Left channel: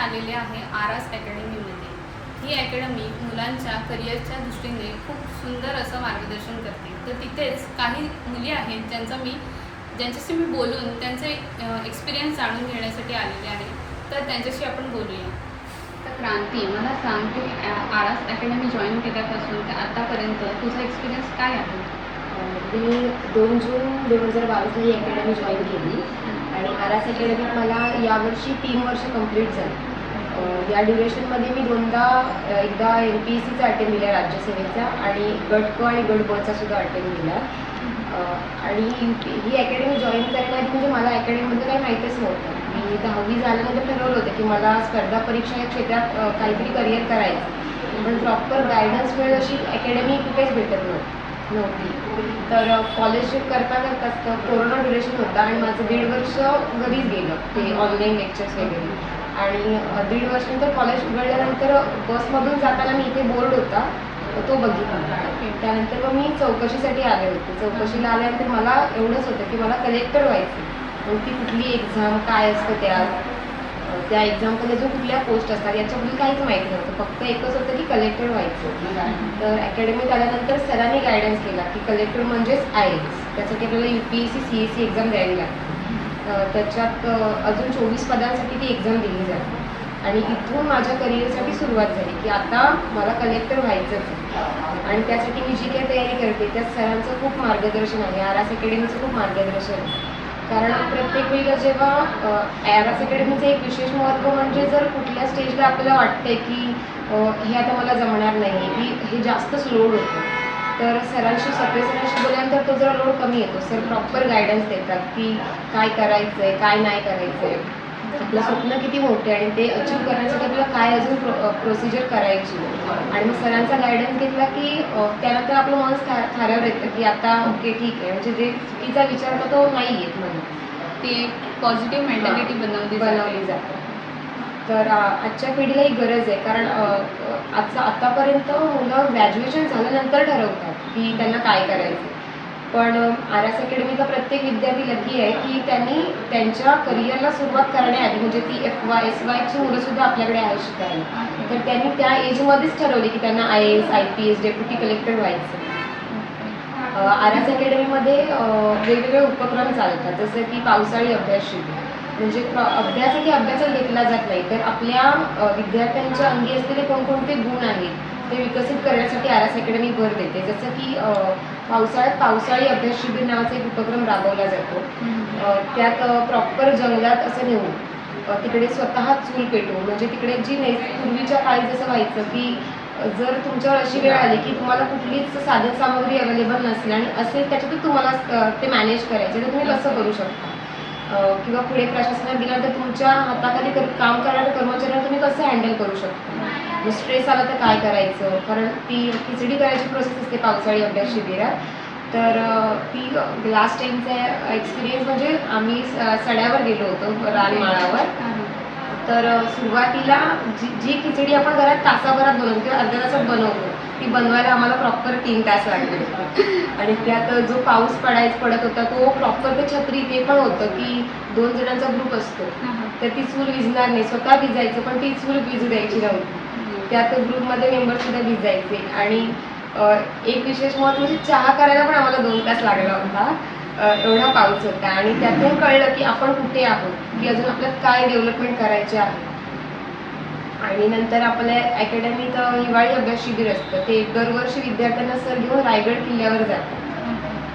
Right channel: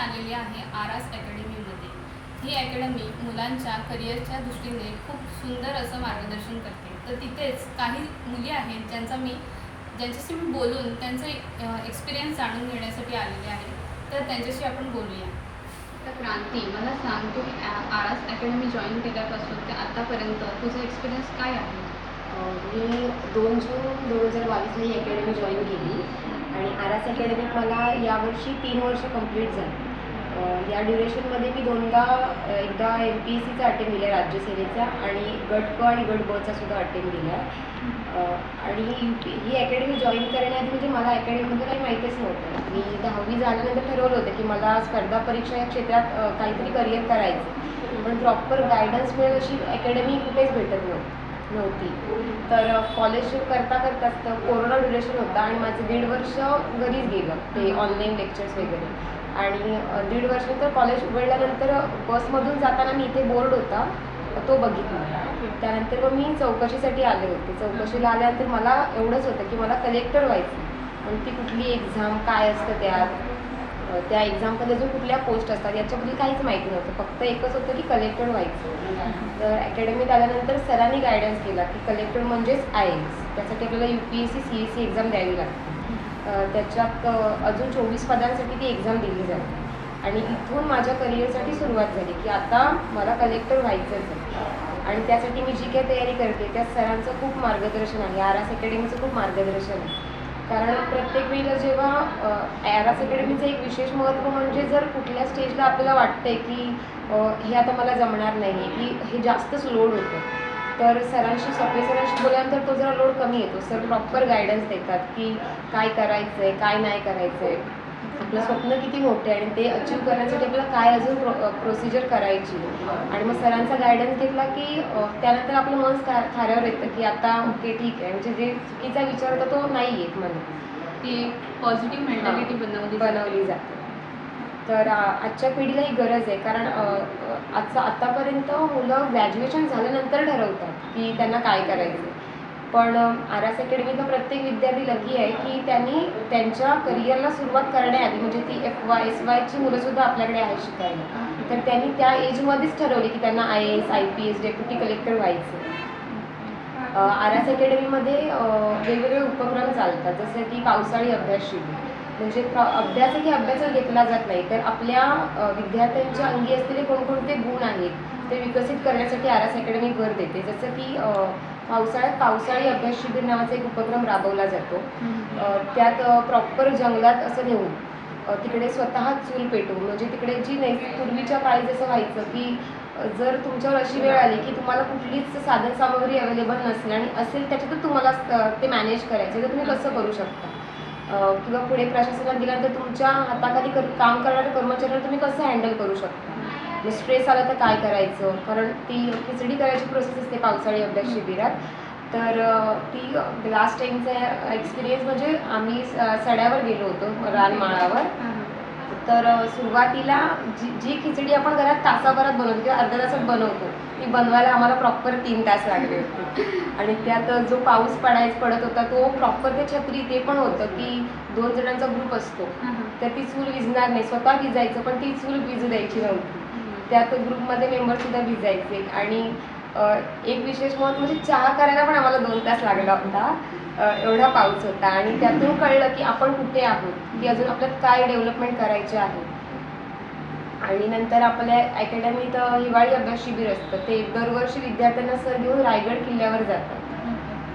आलेले आहे आरास अकॅडमीमध्ये ही अकॅडमी मुलांच्या करिअरच्या दृष्टीने खूप सुंदर असं मार्गदर्शन करते. तर तिथेच काही मुली आहेत ज्यांचा मी ज्यांच्याशी मी बोलून त्यांचे एक्सपिरियन्स जाणून घेण्यासाठी आलेले आहे. तर त्यांच्याशी आपण बोलूया. तर क्रांती मला सांग तू आरास अकॅडमी जॉईन केल्यापासून ते आत्तापर्यंत तुझा एक्सपिरियन्स काय आहे? मी दोन जून दोन हजार बावीसला ही अकॅडमी जॉईन केली. आणि आरास अकॅडमीत मला यावर्षी तीन वर्ष कंप्लीट झाली. या ड्युरेशनमध्ये मी दोनदा एकदा एम पी एस सीचा अटेम्प्ट दिला राज्यसेवेचा आणि गट क आणि गट बचा सुद्धा अटेम्प्ट दिला अं, आणि ही- ही अकॅडमी जॉईन करण्याआधी म्हणजे मला अकॅडमीमध्ये काही माहीतच नव्हतं. मी दहावी झाल्यानंतर ठरवलं होतं की मला स्पर्धा परीक्षा या क्षेत्रात काहीतरी करिअर करायचं पण प्रॉपर गायडन्स मिळेल अशी अकॅडमी कुठेच भेटत नव्हती नव्हती. तर कॉलेज करता करताच तर कोरोना ड्युरेशन होता आणि माझं दीड वर्ष घरीच गेलं ते ऑनलाईन लेक्चर्स वगैरे. आणि दीड वर्षानंतर कॉलेज उघडल्यानंतर बसमधून जाताना मी इथे बोर्ड होता. तो बघितला. त्यानंतर मग मी चौकशीसाठी आले होते. चौकशीला आल्यानंतर मला एवढंच होतं की मला कलेक्टर व्हायचं. ती कुठली एक्झाम काय असतं त्यात? त्या एक्झाममध्ये जो कुठल्या पोस्ट असतात याच्याबद्दल काहीच माहिती नव्हतं. फक्त एकच होतं की कलेक्टर व्हायचं. तर अकॅडमीत आल्यानंतर सरांनी गायडन्स केला की कलेक्टर म्हणजेच आय एस त्यासाठी आपल्याला U P S C C S C exam द्यावी लागते. त्याच्यात अजून चोवीस पदांसाठी ती एक्झाम दिली जाते. आणि इथून माझ्या करिअरसाठी सुरुवात झाली की आता मला कलेक्टर व्हायचंच आहे. आणि त्यासाठी मी जी काही तयारी करते त्या सरांचं खूप मार्गदर्शन आहे आर एस अकॅडमीचं खूप मार्गदर्शन आहे. कारण प्रत्येक वेळेला जेव्हा आर एस अकॅडमीचं एक विशेष महत्त्व म्हणजे जर कुठल्या स्टेजला आपल्याला वाटतंय की हे आता मला जमणार नाही आहे की हे जास्तच लोड होतं तर सरांशी सप्रे सरांशी बोलल्यानंतर तो जरा लोड कमी येतो. सर प्रॉपर गायडन्स देतात की काय करायचं आहे काय नाही करायचं आहे आपलं स्वप्न किती मोठे आणि ते अचीव करण्यासाठी आपल्याला काय अजून प्रो प्रोसिजर करायची. आणि मग सरांचा गायडन्स घेतला की त्यानंतर आपलं मन थाऱ्यावर येतं की आता ओके ठीक आहे. म्हणजे जे चुकीचा विचार होता तो नाही येत मनात ती एक पॉझिटिव्ह मेंटॅलिटी बनवली बनवली जाते. तर आजच्या पिढीला ही गरज आहे. कारण आजचा आतापर्यंत मुलं ग्रॅज्युएशन झाल्यानंतर ठरवतात की त्यांना काय करायचं. पण आर एस अकॅडमीचा प्रत्येक विद्यार्थी लकी आहे की त्यांनी त्यांच्या करिअरला सुरुवात करण्याआधी म्हणजे ती एफ वाय एस वायची मुलंसुद्धा आपल्याकडे आहे. शिकायला तर त्यांनी त्या एजमध्येच ठरवली की त्यांना I S I P S deputy collector व्हायचं. आर एस अकॅडमीमध्ये वेगवेगळे उपक्रम चालतात. जसं की पावसाळी अभ्यास शिबिर म्हणजे प्र अभ्यास की अभ्यासच घेतला जात नाही तर आपल्या विद्यार्थ्यांच्या अंगी असलेले कोणकोणते गुण आहेत ते विकसित करण्यासाठी आर एस अकॅडमी भर देते. जसं की पावसाळ्यात पावसाळी अभ्यास शिबिर नावाचा एक उपक्रम राबवला जातो. त्यात प्रॉपर जंगलात असं नेऊन तिकडे स्वतः चूल पेटवून म्हणजे तिकडे जी नै पूर्वीच्या काळी जसं व्हायचं की जर तुमच्यावर अशी वेळ आली की तुम्हाला कुठलीच साधन सामग्री अवेलेबल नसली आणि असेल त्याच्यातच तुम्हाला ते मॅनेज करायचे तर तुम्ही कसं करू शकता? किंवा पुढे प्रशासनात गेल्यानंतर तुमच्या हाताखाली कर काम करणाऱ्या कर्मचाऱ्यांना तुम्ही कसं हँडल करू शकता? म्हणजे मग स्ट्रेस आला तर काय करायचं? कारण ती खिचडी करायची प्रोसेस असते पावसाळी अभ्यास शिबिरात. तर ती लास्ट टाईमचा एक्सपिरियन्स म्हणजे आम्ही स- सड्यावर गेलो होतो रानमाळावर तर सुरुवातीला जी जी खिचडी आपण घरात तासाभरात बनवतो किंवा अर्ध्या तासात बनवतो ती बनवायला आम्हाला प्रॉपर तीन तास लागले. होते आणि त्यात जो पाऊस पडायच पडत होता तो प्रॉपर ते छत्री ते पण होतं की दोन जणांचा ग्रुप असतो. तर ती चूल विझणार नाही स्वतः भिजायचं पण ती चूल भिजू द्यायची नव्हती. त्यात ग्रुपमध्ये मेंबरसुद्धा भिजायचे. आणि एक विशेष महत्त्व म्हणजे चहा करायला पण आम्हाला दोन तास लागला होता. एवढा पाऊस होता. आणि त्यातून कळलं की आपण कुठे आहोत की अजून आपल्यात काय डेव्हलपमेंट करायचे आहे. आणि नंतर आपल्या अकॅडमीत हिवाळी अभ्यास शिबिर असतं. ते दरवर्षी विद्यार्थ्यांना सर घेऊन रायगड किल्ल्यावर जातात.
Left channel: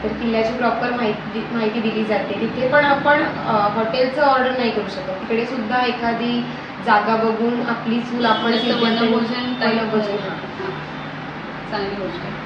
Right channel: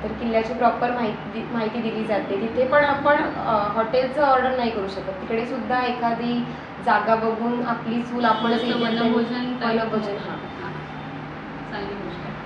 तर किल्ल्याची प्रॉपर माहिती माहिती दिली जाते. तिथे पण आपण हॉटेलचं ऑर्डर नाही करू शकत. तिकडे सुद्धा एखादी जागा बघून आपली चूल आपण type. वनभोजन, हां. चांगली गोष्ट